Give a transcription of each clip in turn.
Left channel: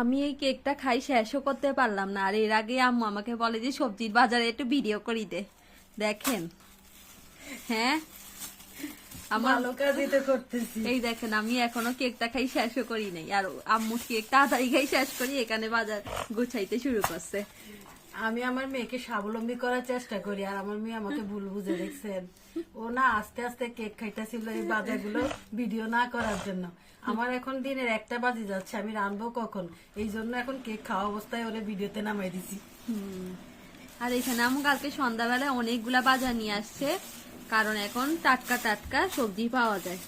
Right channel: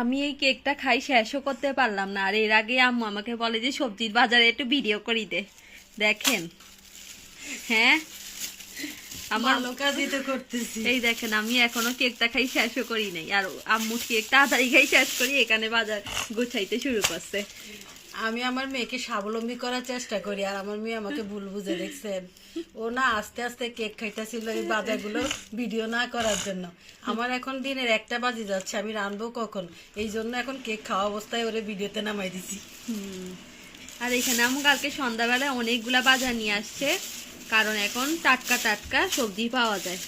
আমি এই কেকটা খাই শেষও করতে পারলাম না, আর এর আগে আম্মু আমাকে বলে যে সবজির বাজারে একটু ভিডিও করি দে। দেখেন, হ্যাঁ আমার ভালো কাজই তো করতেছি। এই দেখেন, আমি এখনো কেকটা খাই শেষও করি নাই, আর আম্মু কেক তাড়াতাড়ি খাই শেষ করি এখানে বাজার গুছাইতে শুরু করছে। আমি আমার মেয়েকে স্বাবলম্বী করার চেষ্টা করি, আর আমার মেয়ে আমাকে ভুল বুঝে দেখছেন। ও না আস্তে আস্তে কেক খাইতেছিল এই বাজারগুলো ভিডিও না করার জন্য। আমার এখন দিনের 1টা বাজে যাচ্ছে, আমি রানবো কখন, এই জন্য এখন কেক খাওয়া অবস্থায় ওরে ভিডিওতে নামাই দিছি। আর এখানে আম্মু কালকে সন্ধ্যাবেলায় অনেকগুলা বাজার নিয়ে আসছে, কারণ এখন টাটকা টাটকা সবজি পাওয়া যায়।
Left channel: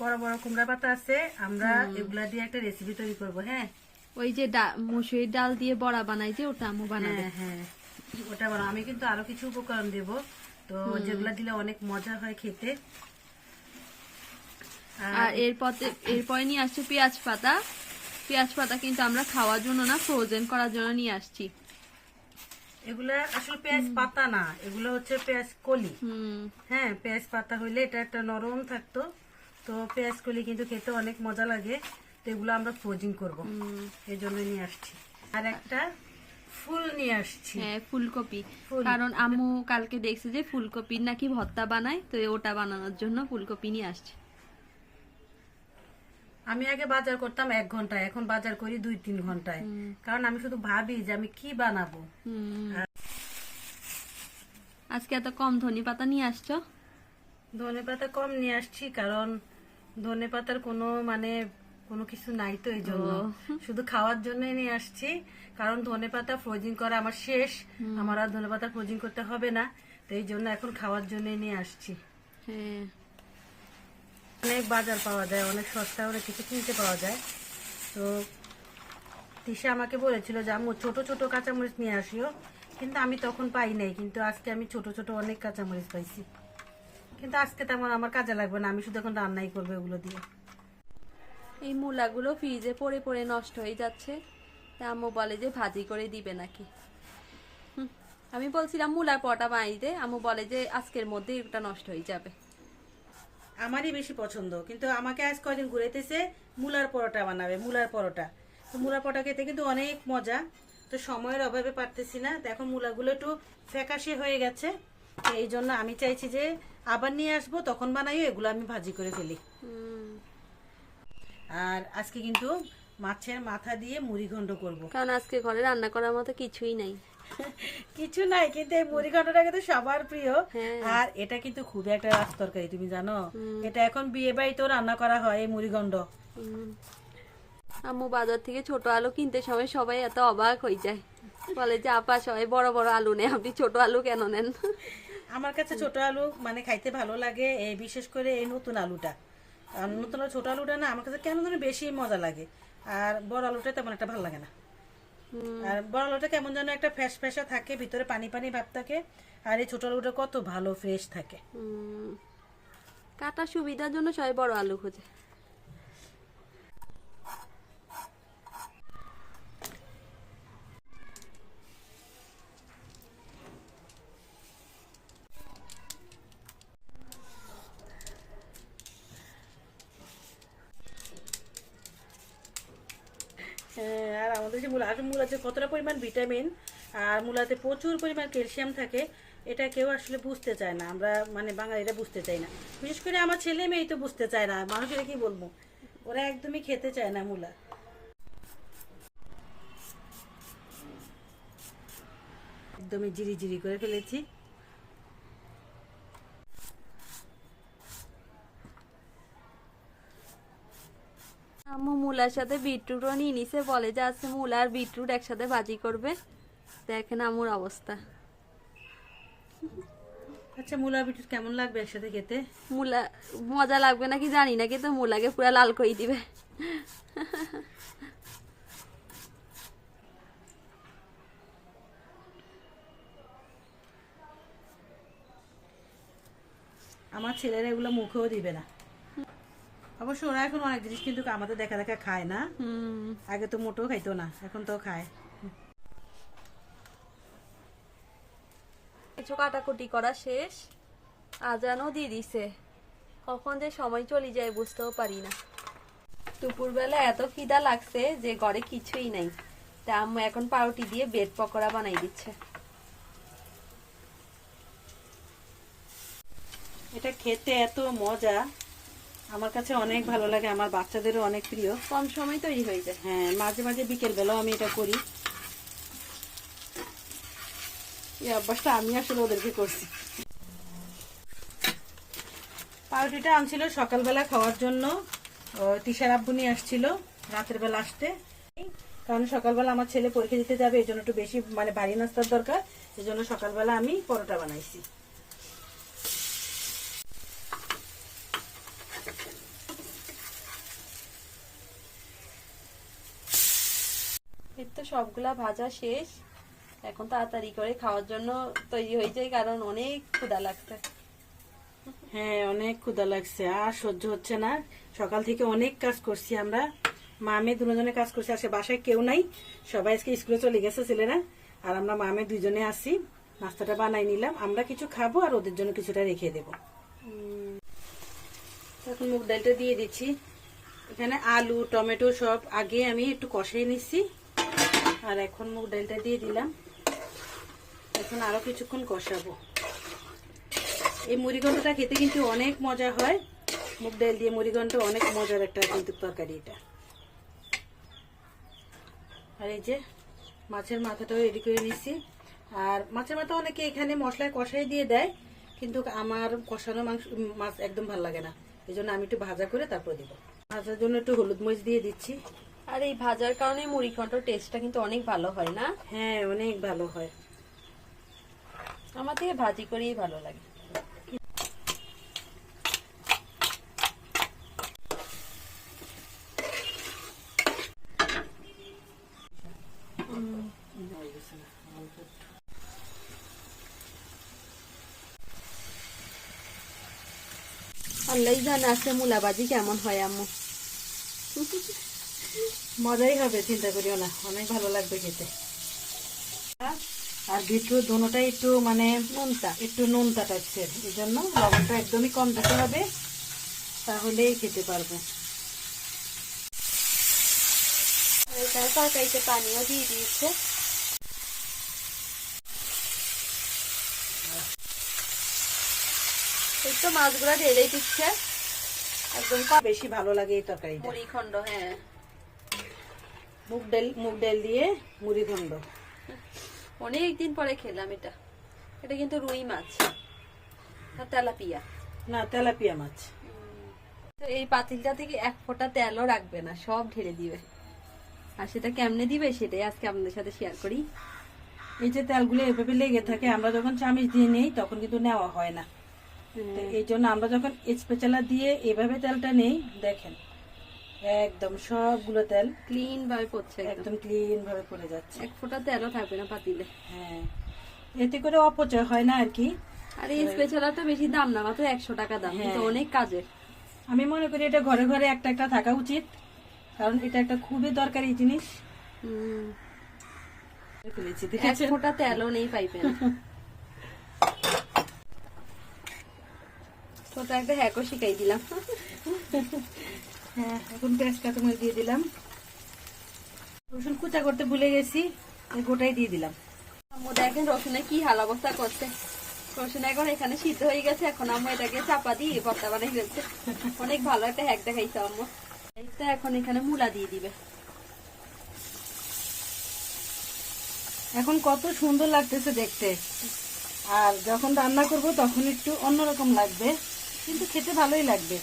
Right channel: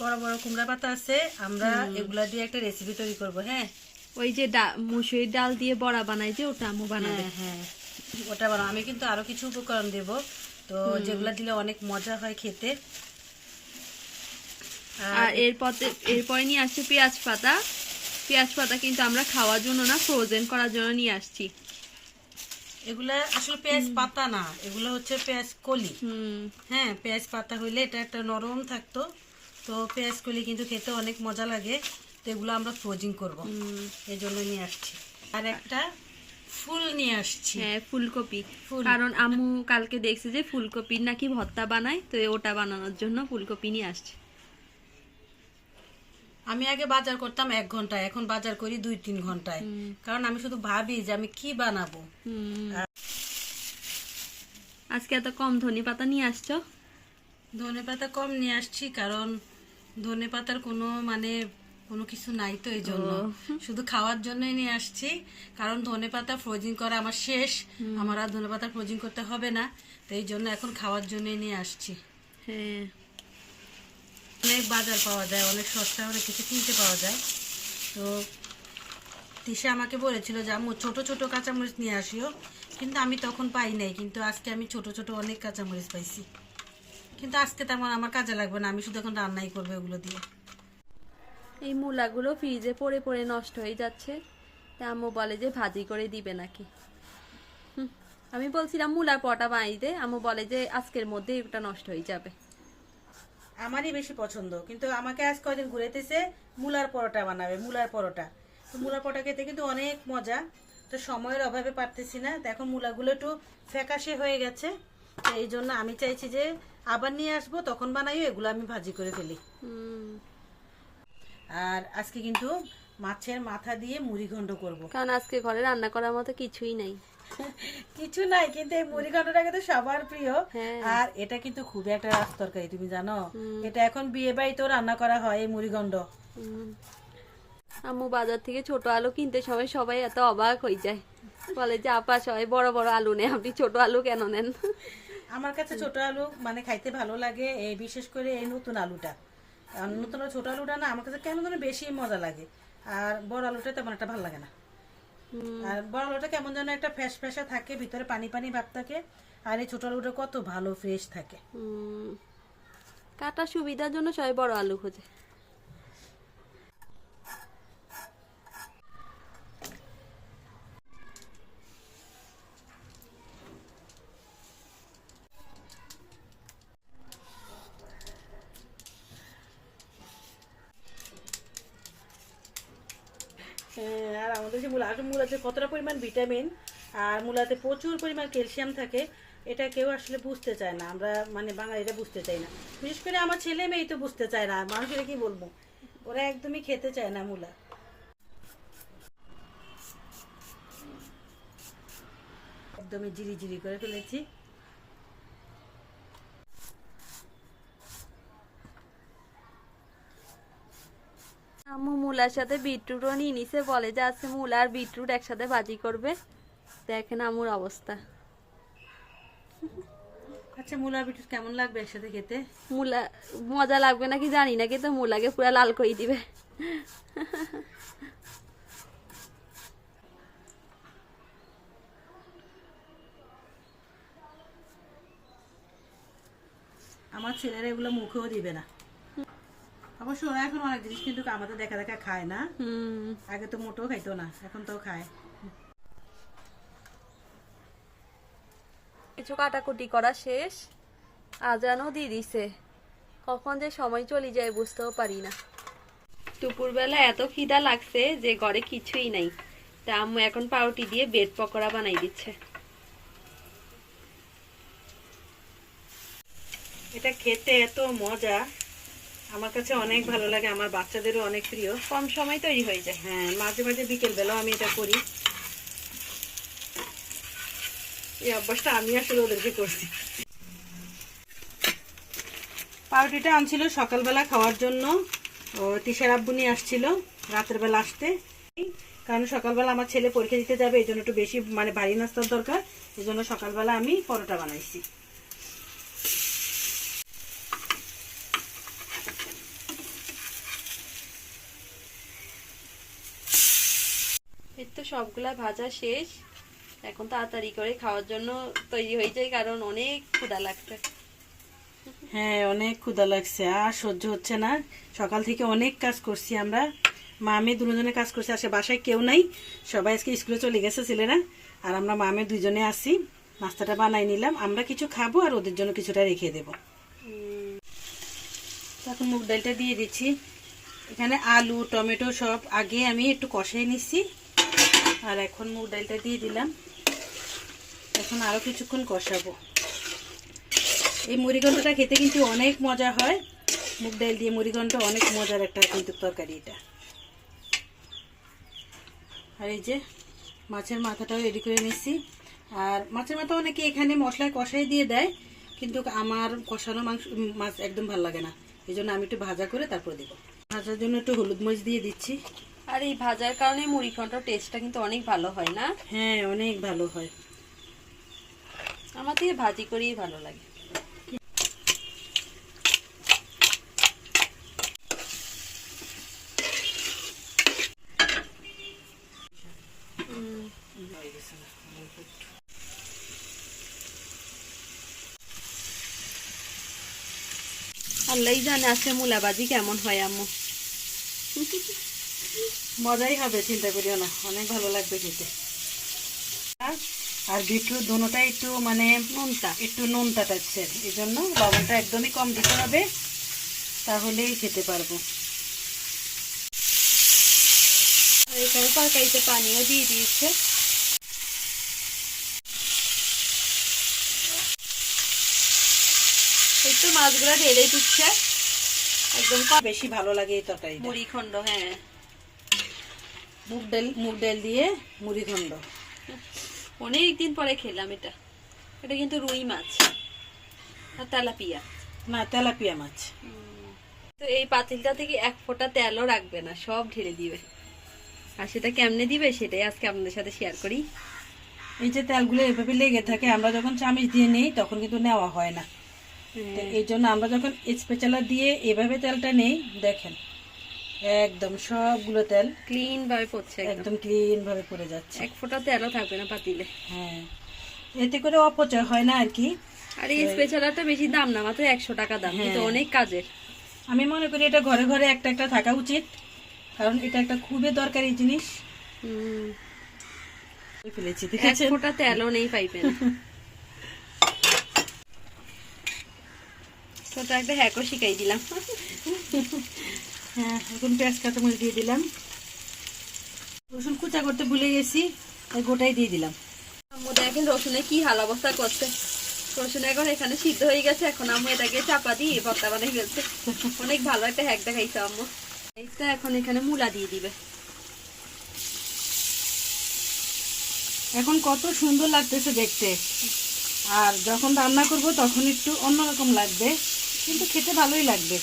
বড় বড় কুমড়া পাতা আছে, আমরা এগুলা দিয়ে একটা রেসিপি তৈরি করব। হ্যাঁ, ওই যে মসুরির ডাল দিয়ে বড়া বানাই যে, ওটা আম্মু বানাবে। হ্যাঁ ওটা বানাবো। আমি কিন্তু আরো কিছু উপকরণ দেব, তো যেগুলা দিলে অনেক মজা হয় খেতে। আর এরপরে নিয়ে আসছে পেঁয়াজ পাতা। পেঁয়াজ পাতা কিন্তু আমরা খাওয়ার জন্য না, ফ্রোজেন করার জন্য নিয়ে আসছি। এগুলা আসলে পেঁয়াজ পাতা না, এগুলো হচ্ছে পেঁয়াজ কলি। হ্যাঁ, পেঁয়াজ পাতা হইলে এটা একটা নরম থাকতো, তো পেঁয়াজ কলি কিন্তু খেতে অনেক মজা লাগে। তো এগুলো আমরা ফ্রোজিং করব, এই জন্য নিয়ে আসছি। আর একটা ফুল নিয়ে আসছি। হ্যাঁ, ফুলকপি। কারণ আম্মু কালকে দেখছে যে ফুলকপির নাকি ভর্তা বানায়, তো ওটা বানানোর জন্য ফুলকপি নিয়ে আসছে। আমি আগে বাজার করতাম 1 ঘন্টায়, এখন বাজার করি 2-3 ঘন্টায়, কারণ আমি শুধু ভাবি যে আমি কি বানাবো। আজকে এত কম ধনে পাতা নিয়ে আসছো? ধনে পাতা কম নিয়ে আসছি, কারণ ধনে পাতার কোনো কিছু নাই, তো এই জন্য শুধু খাওয়ার জন্যই নিয়ে আসছি। কারণ ধনে পাতা ফ্রোজিং করা আমার শেষ, আমার আর ধনে পাতা ফ্রোজিং করতে হবে না, তো এই জন্য এখন খাওয়ার জন্যই নিয়ে আসছি। হ্যাঁ, অনেক বাজার পাওয়া যায়, অনেক সস্তা অনেক কিছু কিনতে পাওয়া যায়। তো তিশা আমাকে বলেছিল যে আম্মু ছোট ছোট কাঁচামরিচ নিয়ে আসিও, কিন্তু আমি তখন পাই নাই, কিন্তু আজকে আমি ছোট ছোট অনেক কাঁচামরিচ পাইছি। কিন্তু আজকে তেমন আমার কাজে লাগবে না, আমি শুধু এখন রান্নাই করবো ওগুলো দিয়ে। এই মূলাগুলো ফ্রিজে পড়ে পড়ে নষ্ট হয়ে যাচ্ছে, তা আম্মু বলে যে ভাজি করে দিবে নাকি। আমি বলছিলাম মূলার পরোটা বানাই দে, আম্মু বলে যে আজকের মধ্যে এটা নষ্ট হয়ে যাবে। আমারই বেশি পছন্দ, কিন্তু আমাকে আজ কয়দিন ঘুরাইতেছে মূলার পরোটা বানাবে, মূলার পরোটা। তো মূলার পরোটা খেতে কিন্তু অনেক মজা, তো সময়ের অভাবে পারতেছি না। দেখো মূলাগুলো একটু ফ্যাকাশে হয়ে গেছে, তো এই জন্য আমি চাইছি যে আবার নিয়ে আসবো, তখন বানাইও, এগুলো আমি ভাজি করে ফেলি। আর আজকে কিন্তু মাছের মাথা দিয়ে মুড়ি ঘন্ট করবো, কারণ আজকে ঘরে রান্না করার মতো কিছুই নাই। কিছু নাই, কিন্তু এই মুড়ি ঘন্টটা কিন্তু সবার প্রিয়। হ্যাঁ। আর এটা কিন্তু খুবই একটা রাস তরকারি, তুমি জানো এটা এখন বিয়ে বাড়িতেও রান্না করা হয় এই মুড়ি ঘন্ট। আম্মু বাজার থেকে ছোট আলু কিনতে সময় সবাই এত অবাক হয়ে যায়, বলে যে আপা সবাই বড় বড় আলু নেন, আপনি ছোট আলু কেন নেন? আমার কাছে ছোট আলু খাইতে ভালো লাগে, এই বিশেষ করে এই নতুন আলুটা। আর নতুন ছোট আলুটা না আমার কাছে কেন যেন বেশি মজা লাগে, আর বড় আলুটা তেমন একটা ভালো লাগে না। আর বড় আলুটা কেমন যেন একটা ফ্যাস ফ্যাসা থাকে, ভিতরে পানি পানি ভাব থাকে, আর এই ছোট আলুটা কত ভালো ফ্রেশ থাকে। কাটা সুবিধার জন্য সবাই বড় আলু খোঁজে। হ্যাঁ, আর আমাদের যে মূলাতে কতটা পরিমাণ ভিটামিন আর মূলাতে প্রচুর পরিমাণ ক্যালসিয়াম থাকে, এটা কেউ আসলে বুঝতে চায় না। আমরা বাঙালিরা বুঝতে চাই না, বিশেষ করে আমার ছেলে মেয়ে তো বুঝতে চায় না। মানুষের কি বলবো, ওরা একদমই খেতে চায় না মূলা। একদমই জিরি জিরি করে ফেলেছি। আম্মু মূলার সাথে বিটরুটও নিয়ে নিছে, বলে যে আজকে মূলা আর বিটরুট একসাথে ভাজি করবে। দেখেন আম্মুর অবস্থা। আচ্ছা, মূলা বিটুট কেমন লাগবে একসাথে খেতে? মূলা মজা লাগবে নাকি জানি না, কিন্তু মূলাকে পুরো লাল করে দিবে। আমার ছেলেরা এগুলো মুখেও দিবে না। অবশ্য ওরা এখন অনেক জিনিস কিন্তু আমাদের দেখা দেখা খায় না, আগে তো মোটেও খাইতো না, এখন তো খায়। কিছু কাটাকুটি করা শেষ, আজানও দিয়ে দিছে, কখন যে সময় চলে যায় বুঝতেও পারি না। দুপুরবেলা এত খিদা লাগছে যে ঘরে কিছুই নাই, তা আম্মু এখন পাউরুটি দিয়ে ব্রেড পকোড়া বানাই দিচ্ছে। এটা খেতে এত মজা, আমার কাছে অনেক ভালো লাগে, আমার বাচ্চাদেরও অনেক প্রিয়। কম সময় তৈরি হয়ে যায়। হ্যাঁ, মাঝে মাঝে বিকেল বেলাও আমি এটা করি। এই অভ্যাসটা আমি আসলে ওদেরকে করছি। পাউরুটিটা আনছিল সকালবেলা খাওয়ার জন্য, ও তিশার আব্বু নিয়ে আসছিল রাতের বেলা আসতে, কারণ সকালবেলা আমার ছেলে পরীক্ষা দিতে যাবে, এই জন্য একটু বেশি মানে ভারী নাস্তার দরকার, এই জন্য সকালবেলা আমি পরোটা বানাইছি। এই তো সবগুলা ভাজা শেষ, এখন তাড়াতাড়ি করে খাওয়ার জন্য তৈরি হয়ে যায়, কারণ অনেক ক্ষুধা লাগছে। হ্যাঁ, অনেক ক্ষুধা লাগছে, আর সহ্য হচ্ছে না। সকাল থেকে অনেক কাজ করছি আমরা, মা আমি দুজনে কাজ করছি। আসে বাসায় কেউ নাই, সবাই আজকে স্কুলে চলে গেছে ছেলেরা, আর আমরা মা আমি দুজনে আসি। নাস্তাটা বানাই নিলাম, আমরা কিছু খাবো আর ওদের জন্য কিছুটা রেখে দেব। এখন মুগ ডালটা দিয়ে দিচ্ছি। এখানে আলু টমেটো সব আগে আমি একটু কষিয়ে নিচ্ছি, আর এখন মুগ ডালটা দিয়ে দিলাম। এখন আরো কিছুক্ষণ কষাবো। এই মুড়িঘণ্টটা খেতে কিন্তু অনেক মজা হয়, মুগ ডাল দিয়ে মুড়িঘণ্ট অনেক মজার একটা কিন্তু তরকারি এটা। আর এই যে মাছের মাথাটাও রেডি করে নিচ্ছি। আর মাছের মাথা অনেকে এখানে মশলায় কষাই দিয়ে দেয়, কিন্তু আমার কষানো মাছ একদম ভালো লাগে না, এই জন্য আমি একটু ভাজা করে তারপর দেবো। ভাজার জন্য একটু হলুদ মরিচ দিয়ে দিচ্ছি। আর এই ভাজার কারণে মুড়ি ঘন্টর টেস্টটা কিন্তু অনেক ভালো হয় না? হ্যাঁ, অনেক ভালো হয়। আমার থেকে ভাজি করেই ভালো লাগে। আল্লাহই জানে আজকে মূলা ভাজি কেমন হয় আম্মু। মজাই হবে, চিন্তা করিও না, অনেক ভালো লাগবে খেতে। আর বিটরুট দোনোটাই একটু মানে একটু নুনতা টাইপের, এই জন্য লবণটা একদমই কম দিতে হবে, তাহলেই খেতে পারবো। এখানে তরকারিতে পানিও দিয়ে দিয়েছে। এই তো মাছগুলো ঢেলে দিচ্ছে একদম বেশি ভালো লাগে এই তরকারি, মুড়ি খন্ড। হ্যাঁ, মুগ ডাল দিয়ে মুড়ি ঘণ্ট অনেকদিন পরে খেলাম এটা। এটা কিন্তু রুই মাছ আর তেলাপিয়া না, তেলাপিয়া মাছ। তো এই পাতিলটা থেকে এক ফোঁটা তেলও রাখবে না, সব ঢেলে দিবে। আর সেটা কেমনে দিবে সেটাই আজকে আপনাদের সাথে শেয়ার করি। এই যে তেলগুলো এভাবে লেগে থাকে, আমরা যখন চামচ দিয়ে নেই তখন কিন্তু নেওয়া হয় না, এই জন্য আমরা যখন স্পেচালা দিয়ে এভাবে তেলটা নেই, দেখেন একদম সবগুলো তেল ক্লিন ভাবে পড়ছে, একদম ক্লিন ভাবে পড়ে যাচ্ছে, এক ফোঁটা তেলও থাকবে না পাতিলে। হ্যাঁ, এতে করে অপচয় হয় না আর কি। আর এই স্পেশালটা বেশি দাম না, মাত্র 100 টাকা দাম, কিন্তু অনেক কাজের। আমি মনে করি এটা ঘরে ঘরে একটা একটা থাকা উচিত, কারণ এটা একটা খুবই দরকারি জিনিস। ফেলেছি, এক ফোঁটা তেলও নেই পাইবে না। ছোট একটা হ্যাকও শিখাই দিলাম। হ্যাঁ, এখন পেঁয়াজ কাঁচামরিচ দিয়ে দিলাম, রসুন কুচা করতে ভুলে গেছি, এই গোটাই দিয়ে দিলাম। আম্মু দেখেন রসুনে কি হাল অবস্থা করছে। রসুন এখন এখানে সিদ্ধ হয়ে গেছে, এখন আম্মু এটাকে চাপা দিয়ে ভর্তা বানিয়ে ফেলছে। অনেক ভালো একটা হ্যাক দেখাইছে আম্মু। এইটা এখন এখানে মূলা দিয়ে দিবে। এখন কত সুন্দর লাগতেছে দেখতে, আর যখন রান্না করব তখন একটু অন্যরকম লাগবে, কিন্তু খেতে ভালোই লাগবে।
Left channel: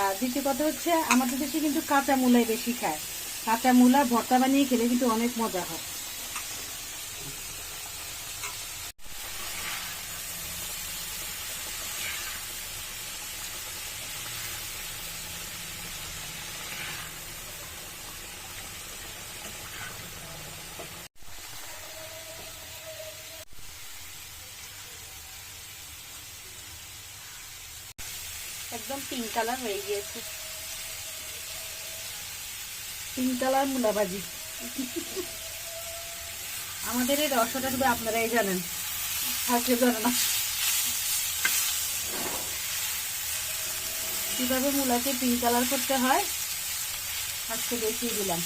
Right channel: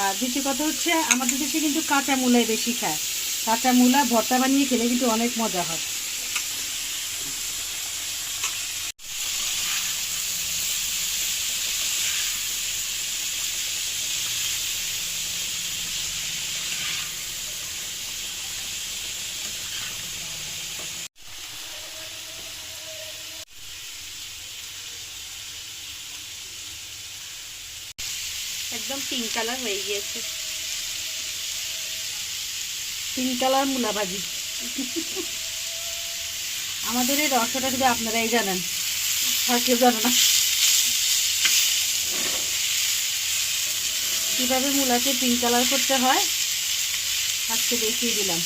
আর দ্বিতীয় কথা হচ্ছে, আমাদের দেশে কিন্তু কাঁচা মূলাই বেশি খায়, কাঁচা মূলা ভর্তা বানিয়ে খেলে কিন্তু অনেক মজা হয়। একদম পিঙ্ক কালার হয়ে গিয়েছে। পিঙ্ক কালার মূলা ভাজি। আমাদের এই রসটা শুধু আপনারাই জানেন, আর কেউ জানে না। কিভাবে মূলাকে পিঙ্ক কালার করতে হয় আজকে দেখিয়ে দিলাম।